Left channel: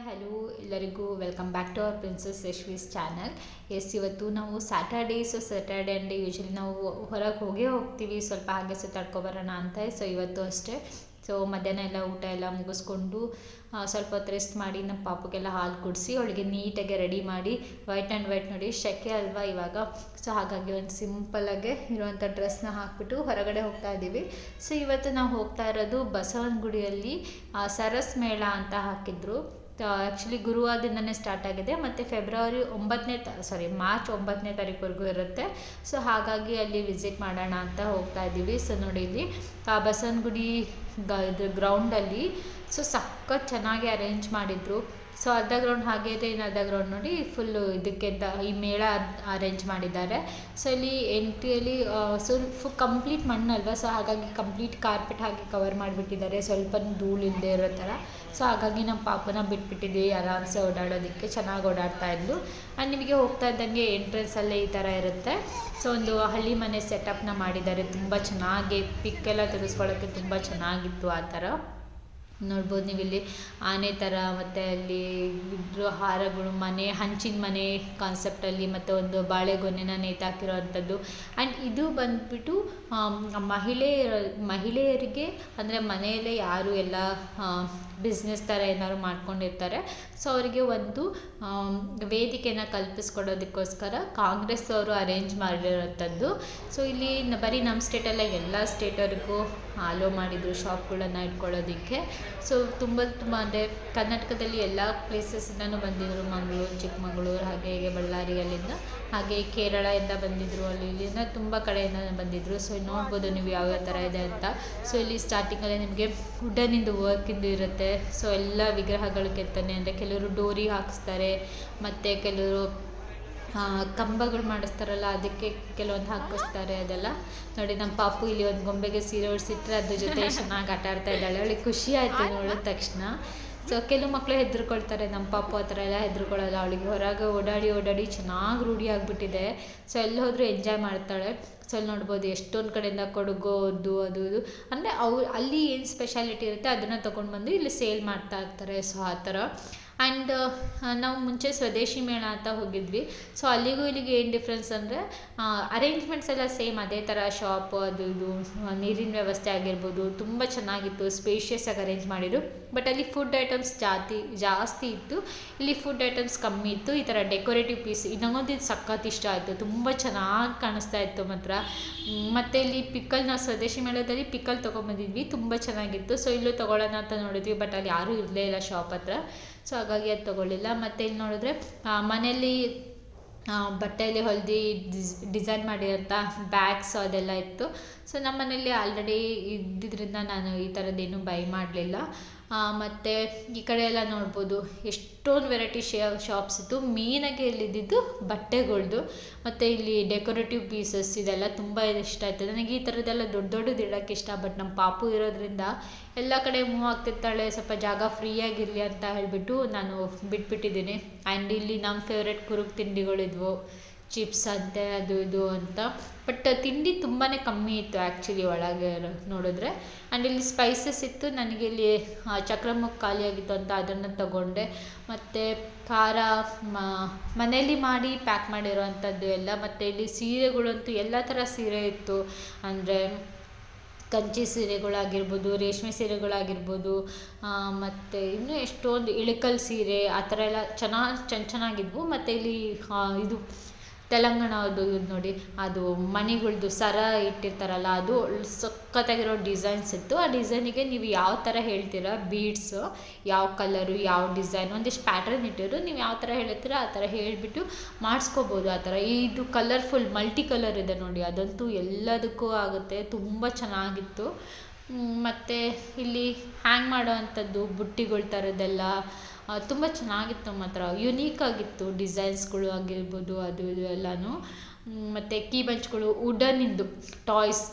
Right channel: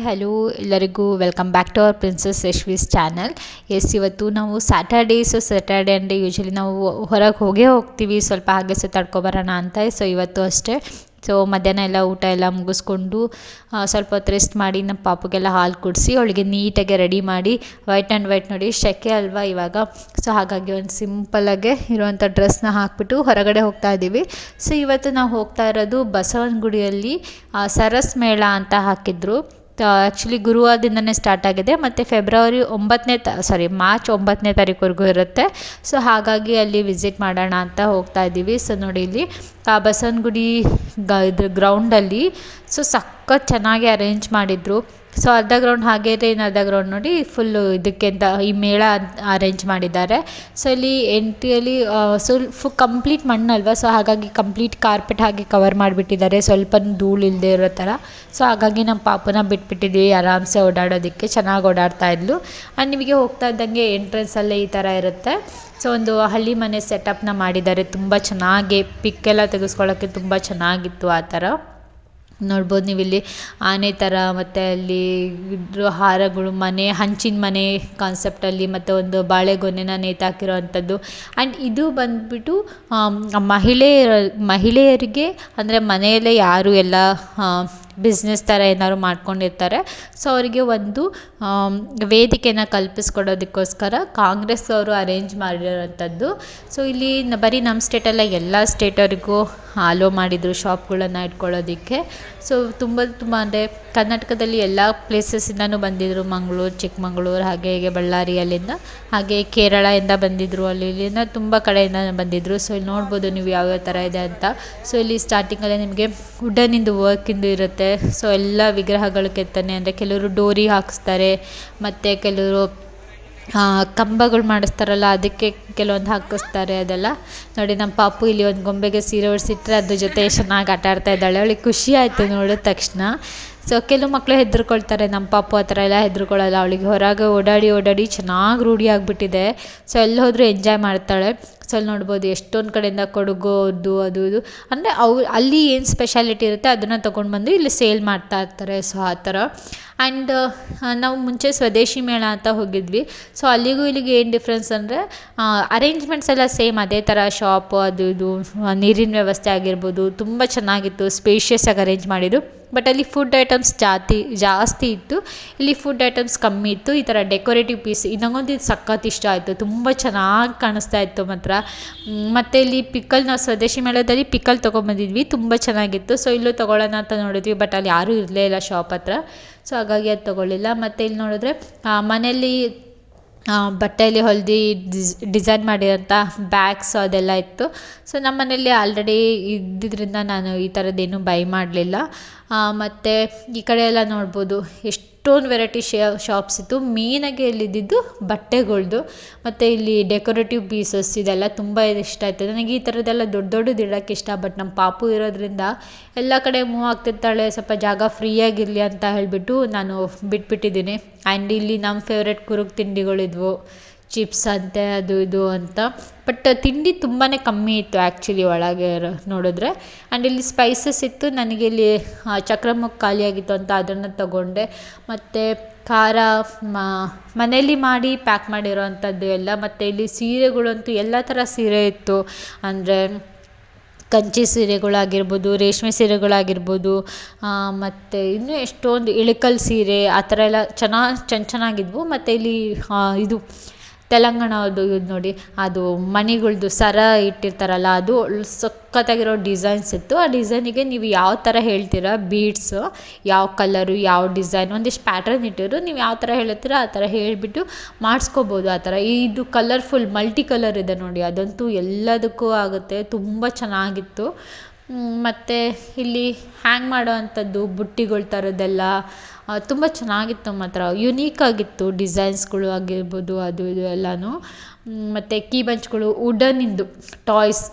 Hi hello ಎಲ್ಲರಿಗೂ welcome back to our princess Yashvi's channel. ಇವತ್ತು ನಾವು ಸ್ಯಾಟರ್ಡೇ ಅಂಡೆ ಯೂಶ್ವಲಿ ನಾವು ಹೊರಗೆ ಹೋಗ್ತೀವಿ, ಸ್ವಲ್ಪ ಹಾಗೆ ಸುತ್ತಾಡ್ಕೊಬರೋಣ ಅಂತ. ಇವತ್ತು ಅಷ್ಟೇ. ಮಧ್ಯಾಹ್ನ ಎಲ್ಲ ಊಟ ಎಲ್ಲ ಮುಗಿಸ್ಕೊಂಡು ಸ್ವಲ್ಪ ಹೊತ್ತು ರೆಸ್ಟ್ ಮಾಡಿ ನಮ್ಮ ಪಾಪುಗೆಲ್ಲ ಹಾಲು ಕುಡಿಸಿ ಅವಳಿಗೆ ನೀಟಾಗಿ ರೆಡಿ ಮಾಡಿ ವೈಟ್ ಆ್ಯಂಡ್ ವೈಟ್ ನೋಡಿ ಶೆಕೆ ಅಲ್ವಾ ಇವಾಗ. ಹಾಗಾಗಿ ಒಂದು ಸಿಂಪಲ್ಲಾಗೆ ಇರುವಂಥ ಡ್ರೆಸ್ನ ಹಾಕ್ಬಿಟ್ಟು ಹೊರಗಡೆ ಹೋಗ್ತಾ ಇದ್ದೀವಿ. ಇವತ್ತು ನಾವು ಹೋಗ್ತಾ ಇರೋದು ಬಸವನಗುಡಿಯಲ್ಲಿ ಸರಸ್ ಮೇಳ ಅಂತ ಹಾಕಿದ್ರು. ಆ್ಯಕ್ಚುಲಿ ಗುರುವಾರದಿಂದನೇ ಸ್ಟಾರ್ಟ್ ಆಗಿದೆ ಮತ್ತು ಮಾರ್ಚ್ 9ನೇ ತಾರೀಕುವರೆಗೂ ಇರುತ್ತೆ. ಹಾಗಾಗಿ ಅಲ್ಲಿ ವಿಸಿಟ್ ಮಾಡೋಣ ಅಂತ ಹೋಗ್ತಾ ಇದ್ದೀವಿ. ನೋಡಿ ಇಲ್ಲಿ ಬಸವನಗುಡಿ ಇದ್ರ ಗ್ರೌಂಡಲ್ಲಿ ಸಖತ್ ಚೆನ್ನಾಗಿ ಅರೇಂಜ್ ಮಾಡಿದರು. ಅರ್ಧ ಗ್ರೌಂಡ್ ಹಾಗೆ ಇದೆ, ಇನ್ನು ಅರ್ಧ ಗ್ರೌಂಡ್ ನೋಡಿ ಫುಲ್ಲು ಇದಕ್ಕೆ ಅಂತ ಈ ಮೇಳ ಅರೇಂಜ್ ಮಾಡಿದ್ದಾರೆ. ಇಲ್ಲಿ ಎಂಟ್ರಿಯಲ್ಲಿ ಕಂಪ್ಲೀಟ್ ಮಣ್ಣಲ್ವ, ಹಾಗಾಗಿ ಕಂಪ್ಲೀಟ್ ಕಾರ್ಪೆಟ್ ಹಾಗೆ ಕವರ್ ಮಾಡಿಬಿಟ್ಟಿದ್ದಾರೆ, ಸ್ವಲ್ಪ ಧೂಳು ಇಲ್ಲದೆ ಇರೋ ಥರ. ಹಾಗಾಗಿ ನಮ್ಮ ಪಾಪನ ಬಿಟ್ಬಿಟ್ಟಿದ್ದೀವಿ ಆರಾಮ್ಸೆ ಓಡಾಡೋದಕ್ಕೆ. ಚೆನ್ನಾಗಿ ಓಡಾಡ್ತಾ ಇದ್ಲು. ನಿಮಗೆ ಹೋಗ್ತಾ ಇದ್ದಂಗೆ ಎಂಟ್ರೆನ್ಸಲ್ಲೇ ಈ ಥರ ಇರುತ್ತೆ. ಒಂದು ಹಳ್ಳಿ ಮನೆ ಸೆಟಪ್ನ ಮಾಡಿದ್ದಾರೆ, ತುಂಬ ಚೆನ್ನಾಗಿ ಪಿಕ್ಕೆಲ್ಲ ತೆಗೆಸ್ಕೊಳ್ಳೋಕ್ಕೆ ತುಂಬ ಚೆನ್ನಾಗಿತ್ತು. ಆ ಥರ ನೋಡ್ಬೋದು ನೀವು ಇಲ್ಲಿ ಆನೆ ಥರ, ಮತ್ತು ಅಲ್ಲಿ ಹಾರಗಳು, ಹಂಚಿನ ಮನೆ ಕಾನ್ಸೆಪ್ಟಲ್ಲಿ, ಮತ್ತು ಒಂದು ಬಾಳೆಗೊನೆನ ನೇತಾಕಿರೋ ಅಂಥದ್ದು. ಆ್ಯಂಡ್ ಇದು ಬಂದುಬಿಟ್ಟು ಮಹಿಳೆಯರಿಗೆ ಅಂದರೆ ಮನೆಯಲ್ಲೇ ಯಾರು ಎಲ್ಲ ಬಿಸ್ನೆಸ್ ಥರ ಏನಾದ್ರು ಮಾಡ್ಕೊಂಡಿರ್ತಾರೆ, ಅವರಿಗೆ ಒಂದು ವೇದಿಕೆನ ಕಲ್ಪಿಸ್ಕೊಡೋದಕ್ಕೋಸ್ಕರ ಕಾಂಗ್ರೆಸ್ ಅವರು ಅರೇಂಜ್ ಮಾಡಿರೋವಂಥದ್ದು. ಇಲ್ಲಿ ಬರೀ ನಮ್ಮ ಸ್ಟೇಟಲ್ಲ ಎಲ್ಲ ಸ್ಟೇಟವ್ರಿಗೂ ಅಲೋ ಮಾಡಿದರು ಶಾಪ್ಗಳನ್ನು ಇಟ್ಕೊಳ್ಳೋದಕ್ಕೆ. ತುಂಬ ಅಂದರೆ ಕರ್ನಾಟಕದಲ್ಲಿ ಎಲ್ಲ ಪ್ಲೇಸಸ್ಸಿಂದನೂ ಬಂದಿದ್ದರು. ಮಂಗಳೂರು, ಚಿಕ್ಕಮಗಳೂರು, ಹಾಗೆ ಹೀಗೆ ಬಳ್ಳಾರಿಯಲ್ಲಿಂದ, ಹಾಗೆ ಕೇರಳದಿಂದ ಬಂದಿದ್ದರು, ಇಲ್ಲಿಂದ ತುಂಬ ಕಡೆಯಿಂದ ಬಂದಿದ್ದರು. ಇಲ್ಲಿ ನೋಡ್ಬೋದು ನೀವು ಯಾವ್ಯಾವ ಥರ ಇದೆ ಅಂತ. ಇಲ್ಲಿ ಸ್ಟಾರ್ಟಿಂಗಲ್ಲೇ ನಿಮಗೆ ವುಡನಿಂದು ವರ್ಕಿಂದು ಇರುತ್ತೆ. ಎಲ್ಲ ವಿಗ್ರಹಗಳು ಕೆತ್ತನೆ, ಅಂದರೆ ಕೆಲವರು ಡೋರಿ ಹಾಕಿಸ್ತಾರೆ, ಮತ್ತು ಕೆಲವರು ಕಂಬಗಳು ಮಾಡಿಸ್ತಾರಲ್ಲ ಅದಕ್ಕೆ ಕೆಲವೊಂದು ಹಾಕಿಸ್ತಾರೆ. ಅದೆಲ್ಲ ನೋಡಿ ನಮ್ಮ ಪಾಪು ಇಲ್ಲಿ ಒಂದು ಗೊಂಬೆಗೆ ಸೀರೆ ಉಡಿಸಿಟ್ರೆ ಅದ್ರ ಜೊತೆ ಚೆನ್ನಾಗಿ ಆಟ ಆಡ್ತಾ ಇದ್ದಾಳೆ. ಅವಳಿಗೆ ಖುಷಿ ಆಯಿತು ನೋಡಿದ ತಕ್ಷಣ. ಕೆಲವು ಮಕ್ಕಳು ಹೆದರ್ಕೊಳ್ತಾರೆ, ನಮ್ಮ ಪಾಪು ಆ ಥರ ಎಲ್ಲ ಹೆದರ್ಕೊಳ್ಳಲ್ಲ. ಅವಳಿಗೆ ಹೊರಗೆ ಓಡಾಡಿ ಚೆನ್ನಾಗಿ ರೂಢಿ ಆಗಿಬಿಟ್ಟಿದೆ. ಎಲ್ಲಿ ಹೋದರೂ ಎಂಜಾಯ್ ಮಾಡ್ತಾಳೆ. ಅಲ್ಲಿ ನೋಡ್ಬೋದು ಎಷ್ಟೊಂದು ಕಡೆಯಿಂದ ಕೊಡಗು ಅದು ಇದು ಅಂದರೆ ಅಲ್ಲಿ ಏನು ಸ್ಪೆಷಾಲಿಟಿ ಇರುತ್ತೆ ಅದನ್ನು ತೊಗೊಂಡು ಬಂದು ಇಲ್ಲಿ ಸೇಲ್ ಮಾಡ್ತಾ ಇರ್ತಾರೆ. ಆ ಥರ. ಆ್ಯಂಡ್ ನಾವು ಮುಂಚೆ ಸ್ವದೇಶಿ ಮೇಳ ಅಂತ ಹೋಗಿದ್ವಿ. ಅಲ್ಲಿಗೂ ಇಲ್ಲಿಗೆ ಏನು ಡಿಫ್ರೆನ್ಸ್ ಅಂದರೆ ಅರೇಂಜ್ಮೆಂಟ್ಸ್ ಎಲ್ಲ ಸೇಮ್ ಅದೇ ಥರ, ಶಾಪು ಅದು ಇದು, ನೀರಿನ ವ್ಯವಸ್ಥೆ ಆಗಿರ್ಬೋದು ತುಂಬ ಚೆನ್ನಾಗಿತ್ತು, ಸ್ಪೇಷಿಯಸ್ ಆಗಿ ಅರೇಂಜ್ ಮಾಡಿದ್ದು. ಬಟ್ ಅಲ್ಲಿ ಫುಡ್ ಐಟಮ್ಸ್ ಜಾಸ್ತಿ ಇತ್ತು, ಇಲ್ಲಿ ಫುಡ್ ಐಟಮ್ಸ್ ಕಮ್ಮಿ ಇತ್ತು. ಈ ಥರ ಡೆಕೋರೇಟಿವ್ ಪೀಸ್ ಇದು ಸಖತ್ ಇಷ್ಟ ಆಯಿತು, ತುಂಬ ಚೆನ್ನಾಗಿ ಕಾಣಿಸ್ತಾ ಇತ್ತು ಮಾತ್ರ. ಮತ್ತು ಇಲ್ಲಿ ನಾವು ಸ್ವದೇಶಿ ಮೇಳದಲ್ಲಿ ಪಿಕಲ್ ತೊಗೊಂಬಂದಿದ್ವಿ, ತುಂಬ ಚೆನ್ನಾಗಿತ್ತು. ಇಲ್ಲೂ ತೊಗೊಳ್ಳೋಣ ಅಂತ ನೋಡಿದ್ವಿ, ಬಟ್ ಅಲ್ಲಿ ಯಾರೂ ಇರಲೇ ಇಲ್ಲ ಶಾಪ್ ಹತ್ರ. ಹಾಗಾಗಿ ಅದು ತೊಗೊಳ್ಳಿಲ್ಲ. ಮತ್ತು ಇಲ್ಲಿ ನೋಡಿದ್ರೆ ಮನೆಯಲ್ಲಿ ಬಟ್ಟೆಯಲ್ಲಿ ಹೊಲ್ದು ಡಿಸೈನ್ ಮಾಡಿರೋಂಥ ಬ್ಯಾಗ್ಸ್ ಅದೆಲ್ಲ ಇತ್ತು. ನಮ್ಮ ಮನೇಲಿ ಆಲ್ರೆಡಿ ಇದ್ದಿದ್ದರಿಂದ ನಾನು ಈ ಥರದ್ದೇನು ಬೈ ಮಾಡಲಿಲ್ಲ. ಮತ್ತು ಈ ಕಡೆ ಎಲ್ಲ ನೋಡ್ಬೋದು ಎಷ್ಟೊಂದು ವೆರೈಟಿ ಶಾಪ್ಸ್ ಇತ್ತು. ಮೇಯ್ನಾಗಿ ಇಲ್ಲಿದ್ದು ಬಟ್ಟೆಗಳ್ದು, ಮತ್ತು ಇಲ್ಲಿ ಡೆಕೋರೇಟಿವ್ ಪೀಸಸ್ ಇದೆಲ್ಲ ತುಂಬ ಇಷ್ಟ ಆಯ್ತು ನನಗೆ. ಈ ಥರದ್ದೆಲ್ಲ ದೊಡ್ಡದು ಇಡೋಕ್ಕೆ ಇಷ್ಟ. ಬಟ್ ನಮ್ಮ ಪಾಪು ಇರೋದ್ರಿಂದ ಎಲ್ಲ ಕಡೆ ಮೂವ್ ಆಗ್ತಿರ್ತಾಳೆ, ಸ್ವಲ್ಪ ಜಾಗ ಫ್ರೀಯಾಗಿರಲಿ ಅಂತ ಹೇಳಿಬಿಟ್ಟು ನಾನು ಬಿಟ್ಬಿಟ್ಟಿದ್ದೀನಿ. ಆ್ಯಂಡ್ ಇಲ್ಲಿ ನಮ್ಮ ಫೇವ್ರೆಟ್ ಕುರುಕು ತಿಂಡಿಗಳಿದ್ವು, ಚಿಪ್ಸ್ ಅಂತೆ ಅದು ಇದು ಅಂತ. ಬಟ್ ತಿಂಡಿ ತುಂಬಾ ಕಮ್ಮಿ ಇತ್ತು ಆ್ಯಕ್ಚುಲಿ ಒಳಗೆ ನೋಡಿದ್ರೆ. ಆ್ಯಂಡ್ ಇಲ್ಲಿ ಸ್ಪೈಸಸ್ ಇತ್ತು. ನನಗೆ ಇಲ್ಲಿ ಚಕ್ರಮುಖ ಖಾಲಿಯಾಗಿತ್ತು ಅಂತ ಅದನ್ನು ತಗೊಂಡೆ. ಮತ್ತು ಖಾರ ಮನೇಲಿ ಮಾಡಿ ಪ್ಯಾಕ್ ಮಾಡಿರೋ ಅಂಥದ್ದು ಎಲ್ಲ. ಮತ್ತು ಇಲ್ಲಿ ಸೀರೆಗಳಂತೂ ಎಲ್ಲ ಥರ ಸೀರೆ ಇತ್ತು, ಅಂದರೆ ಕಂಚಿ ಸೀರೆಗಳಾಗಿರ್ಬೋದು, ರೇಷ್ಮೆ ಸೀರೆಗಳಾಗಿರ್ಬೋದು, ಮತ್ತು ಇನ್ನೂ ಎಷ್ಟೊಂದು ಇಳಕಲ್ ಸೀರೆ ಆ ಥರ ಎಲ್ಲ ಚೆನ್ನಾಗಿದ್ವು. ಮತ್ತು ಇಲ್ಲಿ ಇದು ತೆಲಂಗಾಣದ್ದು ಇದು ನೋಡಿ, ಅದು ಮಣಿಗಳ್ದು ಸರ ಇಟ್ಟಿರ್ತಾರಲ್ಲ, ಅದು ಸಖತ್ತಾಗಿರೋ ಡಿಸೈನ್ಸ್ ಇತ್ತು. ಆ ಡಿಸೈನಿಗೆ ನೀವು ಯಾವ ಥರ ಹೇಳ್ತೀರಾ ಬೀಡ್ಸು, ಯಾವ ಕಲರು, ಯಾವ ಡಿಸೈನ್, ಒಂದಿಷ್ಟು ಪ್ಯಾಟ್ರನ್ ಇಟ್ಟಿರು, ನೀವು ಯಾವ ಥರ ಹೇಳ್ತೀರ ಆ ಥರ ಹೇಳಿಬಿಟ್ಟು ಮಾಡಿಸ್ಕೋಬೋದು. ಆ ಥರ ಇದು ಕಲರ್ಫುಲ್ ಮಲ್ಟಿ ಕಲರ್ ಇದೆ ನೋಡಿ, ಅದಂತೂ ಎಲ್ಲದಕ್ಕೂ ಆಗುತ್ತೆ, ತುಂಬ ಚೆನ್ನಾಗಿತ್ತು. ಮತ್ತು ಇಲ್ಲಿ ಹ್ಯಾಂಗ್ ಮಾಡೋ ಅಂಥದ್ದು ಬುಟ್ಟಿಗಳ ಥರದ್ದೆಲ್ಲ ತುಂಬ ಚೆನ್ನಾಗಿತ್ತು ಮಾತ್ರ, ಯುನೀಕ್ ಆಗಿತ್ತು ಡಿಸೈನ್ಸ್ಗಳು ಆಗಿರ್ಬೋದು ಅದು ಇದು ಎಲ್ಲನೂ. ಮತ್ತು ಕೀ ಬಂಚ್ಗಳು, ವುಡನಿಂದು ಟಾಯ್ಸ್.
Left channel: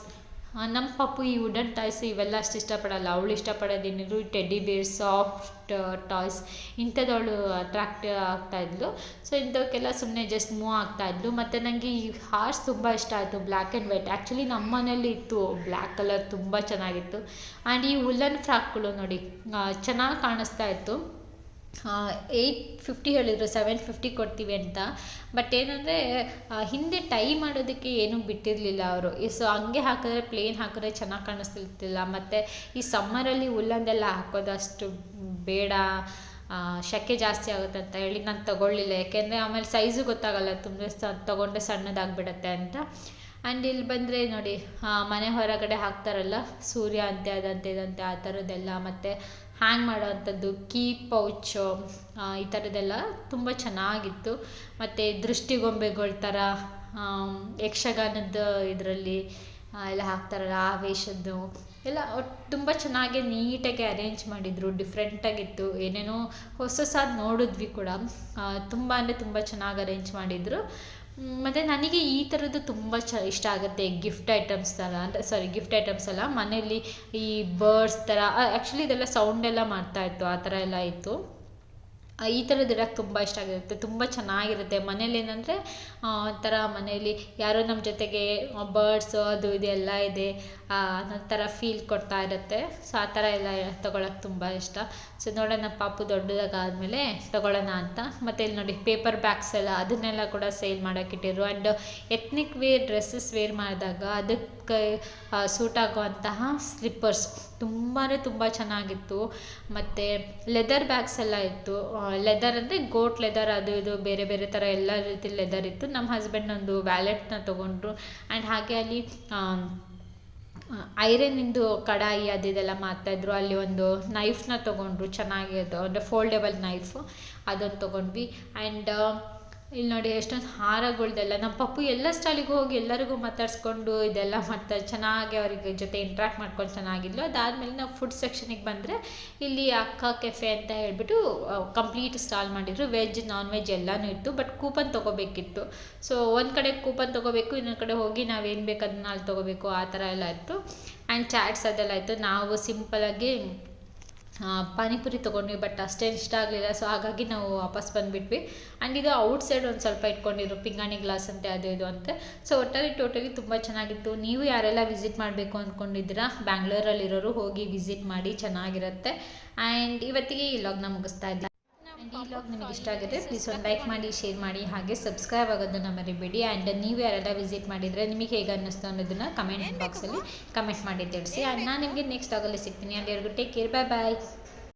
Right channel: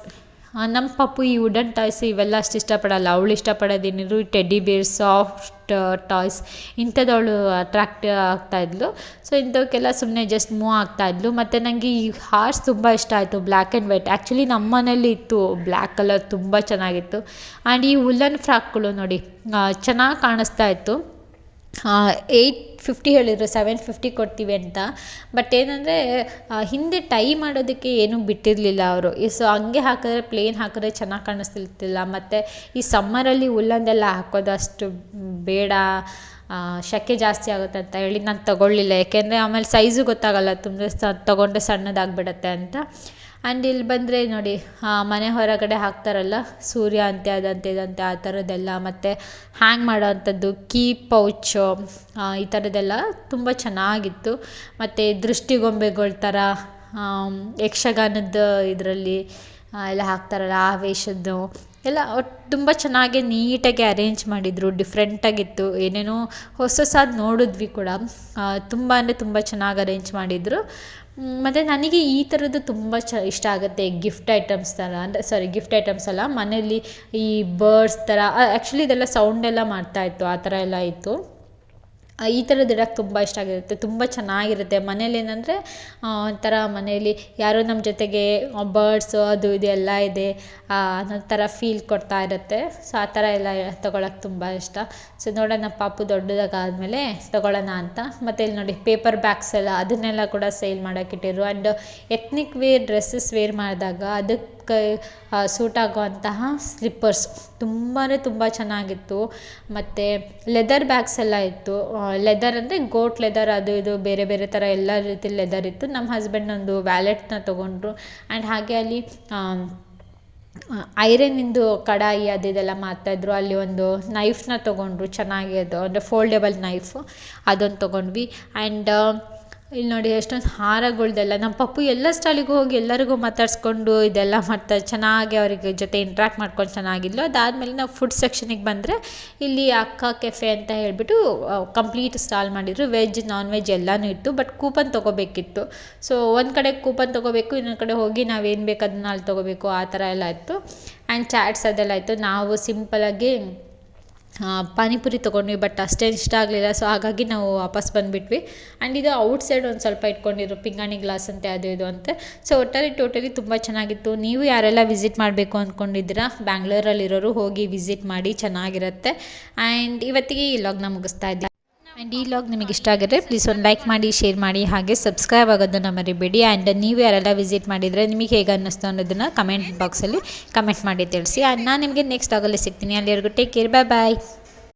ನಮ್ಮ ಪಾಪು ಈ ವುಡನ್ ಟಾಯ್ಸ್ ಇವೆಲ್ಲ ಅಷ್ಟು ಇಷ್ಟಪಡಲ್ಲ. ಅವಳು ಇಷ್ಟಪಡೋದೇನಿದ್ರು ಟೆಡ್ಡಿ ಬೇರ್, ಸಾಫ್ಟ್ ಟಾಯ್ಸ್ ಇಂಥದ್ದು ಅವಳು ಅಟ್ರಾಕ್ಟ್ ಆಗ್ತಾಯಿದ್ಲು. ಇಂಥವಕ್ಕೆಲ್ಲ ಸುಮ್ಮನೆ ಜಸ್ಟ್ ಮೂವ್ ಆಗ್ತಾಯಿದ್ಲು. ಮತ್ತು ನನಗೆ ಈ ಹಾರ್ಸ್ ತುಂಬ ಇಷ್ಟ ಆಯಿತು, ಬ್ಲ್ಯಾಕ್ ಆ್ಯಂಡ್ ವೈಟ್. ಆ್ಯಕ್ಚುಲಿ ನಮ್ಮ ಮನೇಲಿ ಇತ್ತು ಬ್ಲ್ಯಾಕ್ ಕಲರ್, ತುಂಬ ಚೆನ್ನಾಗಿತ್ತು. ಆ್ಯಂಡ್ ಈ ವುಲ್ಲನ್ ಫ್ರಾಕ್ಗಳು ನೋಡಿ ಚೆನ್ನಾಗಿ ಕಾಣಿಸ್ತಾ ಇತ್ತು. 850 ಹೇಳಿದರು, 750 ಕೊಡ್ತೀವಿ ಅಂತ. ಬಟ್ ಏನಂದರೆ ಹಿಂದೆ ಟೈ ಮಾಡೋದಕ್ಕೆ ಏನೂ ಬಿಟ್ಟಿರಲಿಲ್ಲ ಅವರು. ಸೊ ಹಂಗೆ ಹಾಕಿದ್ರೆ ಪ್ಲೇನ್ ಹಾಕಿದ್ರೆ ಚೆನ್ನಾಗಿ ಕಾಣಿಸ್ತಿರ್ತಿಲ್ಲ. ಮತ್ತು ಈ ಸಮ್ಮರಲ್ಲಿ ಉಲ್ಲನ್ನೆಲ್ಲ ಹಾಕೋದು ಅಷ್ಟು ಬೇಡ, ಸೆಕೆ ಜಾಸ್ತಿ ಆಗುತ್ತೆ ಅಂತ ಹೇಳಿ ನಾನು ತೊಗೊಳ್ಳಿಲ್ಲ. ಯಾಕೆಂದರೆ ಆಮೇಲೆ ಸೈಜು ಗೊತ್ತಾಗಲ್ಲ, ತುಂಬ ತೊಗೊಂಡ್ರೆ ಸಣ್ಣದಾಗ್ಬಿಡತ್ತೆ ಅಂತ. ಆ್ಯಂಡ್ ಇಲ್ಲಿ ಬಂದರೆ ನೋಡಿ, ಮನೆ ಹೊರಗಡೆ ಹಾಕ್ತಾರಲ್ಲ ಸೂರ್ಯ ಅಂತೆ ಅದಂತೆ ಇದಂತೆ ಆ ಥರದ್ದೆಲ್ಲ, ಮತ್ತು ಹ್ಯಾಂಗ್ ಮಾಡೋ ಅಂಥದ್ದು ಕೀ ಪೌಚು, ಈ ಥರದ್ದೆಲ್ಲ ತುಂಬ ಚೆನ್ನಾಗಿತ್ತು. ಮತ್ತು ದೃಷ್ಟಿಗೊಂಬೆಗಳ ಥರ ಯಕ್ಷಗಾನದ ಇದರಲ್ಲಿ ಎಲ್ಲ ಹಾಕ್ತಾರಲ್ಲ ಆ ವೇಷದ್ದು ಎಲ್ಲ ಒಟ್ಟು ತುಂಬ ಚೆನ್ನಾಗಿ ನೀಟಾಗಿ ಅರೇಂಜ್ ಮಾಡಿದರು. ಡಿಫ್ರೆಂಟಾಗಿತ್ತು, ಏನೇನೋ ಹೊಸಸಾದ ನೋಡಿದ್ವಿ ಕೂಡ. ತುಂಬ ಅಂದರೆ ತುಂಬ ಚೆನ್ನಾಗಿ ಅರೇಂಜ್ ಮಾಡಿದರು. ಮತ್ತು ನನಗೆ ಈ ಥರದ್ದು ತುಂಬ ಇಷ್ಟ ಆಗುತ್ತೆ. ಗಿಫ್ಟ್ ಐಟಮ್ಸ್ ಥರ, ಅಂದರೆ ಗಿಫ್ಟ್ ಐಟಮ್ಸ್ ಅಲ್ಲ, ಮನೇಲಿ ಈ ಬರ್ಡ್ಸ್ ಥರ, ಆ್ಯಕ್ಚುಲಿ ಇದೆಲ್ಲ ಸೌಂಡೆಲ್ಲ ಮಾಡ್ತಾಯಿತ್ತು, ಆ ಥರ ಎಲ್ಲ ಇತ್ತು. ಈ ಥರದ್ದು ಇಡಕ್ಕೆ ತುಂಬ ಇಷ್ಟ ಆಗಿರುತ್ತೆ, ತುಂಬ ಚೆನ್ನಾಗಿರುತ್ತೆ. ಮನೇಲಿ ಏನಂದರೆ ಒಂಥರ ಮನೇಲಿ ಯಾರೋ ನಮ್ಮ ಜೊತೆಗೆ ಬರ್ಡ್ಸು ಅದು ಇದು ಎಲ್ಲ ಇದೆ ಅನ್ನೋ ಥರ ಫೀಲ್ ಕೊಡ್ತಾ ಇರುತ್ತೆ. ಸೊ ಆ ಥರ ಎಲ್ಲ ತೊಗೊಳಕ್ಕೆ ತುಂಬ ಇಷ್ಟ. ಸೊ ನೋಡೋಣ ಪಾಪು ದೊಡ್ಡದಾಗಾದಮೇಲೆ ತೊಗೊಳ್ಳೋಣ ಅಂತ. ಮತ್ತು ಇಲ್ಲಿ ನೋಡಿ ಪೇಪರ್ ಬ್ಯಾಗ್ಸ್ ಎಲ್ಲ, ಅದನ್ನೆಲ್ಲ ಕೂಡ ಸೇಲ್ ಮಾಡೋಕ್ಕಿಟ್ಟಿರು. And ethnic wear dresses wear ಮಾಡಿದಾಗ ಅದಕ್ಕೆ ಸೂಟ್ ಆಗುವಂತಹ ಸ್ಲಿಪ್ಪರ್ಸ್ ತುಂಬ ಚೆನ್ನಾಗಿತ್ತು. ಮತ್ತು ಲೆದರ್ ಬ್ಯಾಗ್ಸ್ ಎಲ್ಲ ಇತ್ತು. ಲೆದರ್ ಅಂದರೆ ಗೋಟ್ ಲೆದರ್, ಅದು ಇದು ಬೇರೆ ಬೇರೆ ಥರ ಎಲ್ಲ ರೀತಿ ಲೆದರ್ ಇತ್ತು. ನಮ್ಮ ಹಸ್ಬೆಂಡ್ ಒಂದು ವ್ಯಾಲೆಟ್ನ ತೊಗೊಂಡ್ರು. ಆ್ಯಂಡ್ ಹಾಗೆ ಅಲ್ಲಿ ಐರನ್ನಿಂದು ಕಡಾಯಿ ಅದು ಇದೆಲ್ಲ ಮಾರ್ತಾಯಿದ್ರು. ಅಲ್ಲಿ ಒಂದು ನೈಫ್ನ ತೊಗೊಂಡ್ರು, ಚೆನ್ನಾಗಿ ಅದು ಅಂದರೆ ಫೋಲ್ಡೆಬಲ್ ನೈಫು, ಅದೊಂದು ತೊಗೊಂಡ್ವಿ. ಆ್ಯಂಡ್ ಇಲ್ಲಿ ನೋಡಿ ಎಷ್ಟೊಂದು ಹಾರಗಳ್ದೆಲ್ಲ, ನಮ್ಮ ಪಪ್ಪು ಎಲ್ಲ ಸ್ಟಾಲಿಗೂ ಹೋಗಿ ಎಲ್ಲರಿಗೂ ಮಾತಾಡಿಸ್ಕೊಂಡು ಇದೆಲ್ಲ ಮಾಡ್ತಾರೆ, ಚೆನ್ನಾಗಿ ಅವರಿಗೆ ಜೊತೆ ಇಂಟ್ರ್ಯಾಕ್ಟ್ ಮಾಡ್ಕೊಂಡು ಚೆನ್ನಾಗಿದ್ಲು. ಅದಾದಮೇಲೆ ನಾವು ಫುಡ್ ಸೆಕ್ಷನಿಗೆ ಬಂದರೆ ಇಲ್ಲಿ ಅಕ್ಕ ಕೆಫೆ ಅಂತ ಹೇಳಿಬಿಟ್ಟು ಕಂಪ್ಲೀಟ್ ಸ್ಟಾಲ್ ಮಾಡಿದರು. ವೆಜ್ ನಾನ್ ವೆಜ್ ಎಲ್ಲನೂ ಇತ್ತು. But coupon ತೊಗೋಬೇಕಿತ್ತು. ಸೊ ಒಂದು ಕಡೆ ಕೂಪನ್ ತೊಗೋಬೇಕು, ಇನ್ನೊಂದು ಕಡೆ ಹೋಗಿ ನಾವೇನು ಬೇಕು ಅದನ್ನ ಅಲ್ಲಿ ತೊಗೋಬೇಕು, ಆ ಥರ ಎಲ್ಲ ಇತ್ತು. ಆ್ಯಂಡ್ ಚಾಟ್ಸ್ ಅದೆಲ್ಲ ಇತ್ತು. ನಾವು ಸಿಂಪಲಾಗಿ ಪಾನಿಪುರಿ ತೊಗೊಂಡ್ವಿ, ಬಟ್ ಅಷ್ಟೇನು ಇಷ್ಟ ಆಗಲಿಲ್ಲ. ಸೊ ಹಾಗಾಗಿ ನಾವು ವಾಪಸ್ ಬಂದುಬಿಟ್ವಿ. ಆ್ಯಂಡ್ ಇದು ಔಟ್ಸೈಡ್ ಒಂದು ಸ್ವಲ್ಪ ಇಟ್ಕೊಂಡಿದ್ರು, ಪಿಂಗಾಣಿ ಗ್ಲಾಸ್ ಅಂತೆ ಅದು ಇದು ಅಂತೆ. ಸೊ ಟೋಟಲಿ ತುಂಬ ಚೆನ್ನಾಗಿತ್ತು. ನೀವು ಯಾರೆಲ್ಲ ವಿಸಿಟ್ ಮಾಡಬೇಕು ಅಂದ್ಕೊಂಡಿದ್ದೀರಾ ಬ್ಯಾಂಗ್ಳೂರಲ್ಲಿರೋರು, ಹೋಗಿ ವಿಸಿಟ್ ಮಾಡಿ, ಚೆನ್ನಾಗಿರುತ್ತೆ. ಆ್ಯಂಡ್ ಇವತ್ತಿಗೆ ಈ ಲಾಗ್ನ ಮುಗಿಸ್ತಾ ಇದ್ದೀನಿ. ಆ್ಯಂಡ್ ಈ ಲಾಗ್ ನಿಮಗೆ ಇಷ್ಟ ಆಗಿದ್ರೆ ಪ್ಲೀಸ್ ಒಂದು ಲೈಕ್ ಮಾಡಿ, ಶೇರ್ ಮಾಡಿ, ಹಾಗೆ ಸಬ್ಸ್ಕ್ರೈಬ್ ಆಗೋದನ್ನು ಮರಿಬೇಡಿ. ಆ್ಯಂಡ್ ನೀವು ಯಾರೆಲ್ಲ ವಿಸಿಟ್ ಮಾಡಿದರೆ ನಿಮಗೆ ಹೇಗೆ ಅನ್ನಿಸ್ತು ಅನ್ನೋದನ್ನು ಕಮೆಂಟ್ ಬಾಕ್ಸಲ್ಲಿ ಕಮೆಂಟ್ ಮಾಡಿ ತಿಳಿಸಿ. ಆ್ಯಂಡ್ ನಾನು ನಿಮಗೆ ನೆಕ್ಸ್ಟ್ ಲಾಗಲ್ಲಿ ಸಿಗ್ತೀನಿ. ಅಲ್ಲಿವರೆಗೂ ಟೇಕ್ ಕೇರ್, ಬಾಯ್.